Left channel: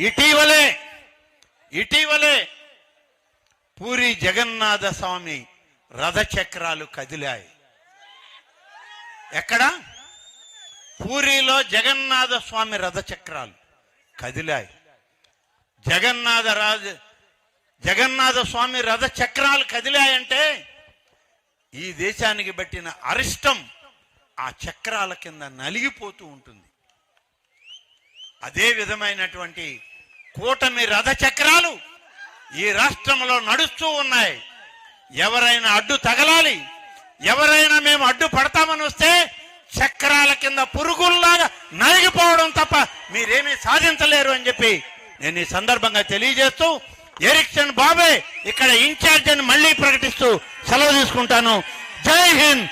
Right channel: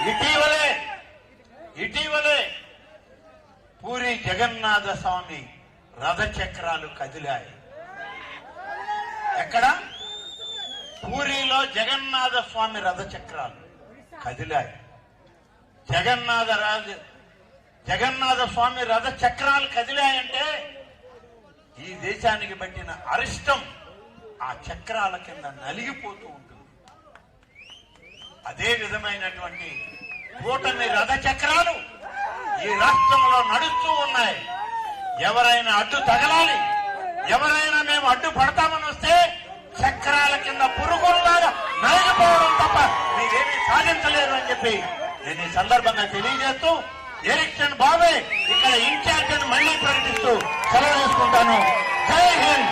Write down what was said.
ఇటీవలే ఇటీవలే పూరి జగన్నాథ స్వామి రథచక్రాలు కదిలాయి. ఎక్కడ? పూరిలో జగన్నాథ స్వామి రథచక్రాలు కదిలాయి. జగన్నాథ రాజు జగన్నాథ స్వామి రథ చక్రాలు కదిలాయంటే ఈ దేశానికి పెట్టిన అరిష్టం ఆ చక్రాల కింద నలిగిపోతూ ఉంటుంది. అదే విధమైనటువంటి కూటమి రథ చక్రాలు ఈ రాష్ట్రంలో నడుస్తూ ఉన్నాయి. ఎవరైనా అడ్డు తగలాలి ఎవరైనా మేము అడ్డు పడతామని వస్తే చక్రాల కింద పురుగుల్లాగా నలిగిపోవడం తప్ప మీరేమీ సాధించలేరు అని చెప్పి నేను ఈ సందర్భంగా తెలియజేస్తూ ఎరిక్సన్ బాబే ఇక్కడ ఇన్ఛార్జ్ అని మళ్ళీ ప్రకటిస్తూ సెలవు తీసుకుంటాను. జై హింద్!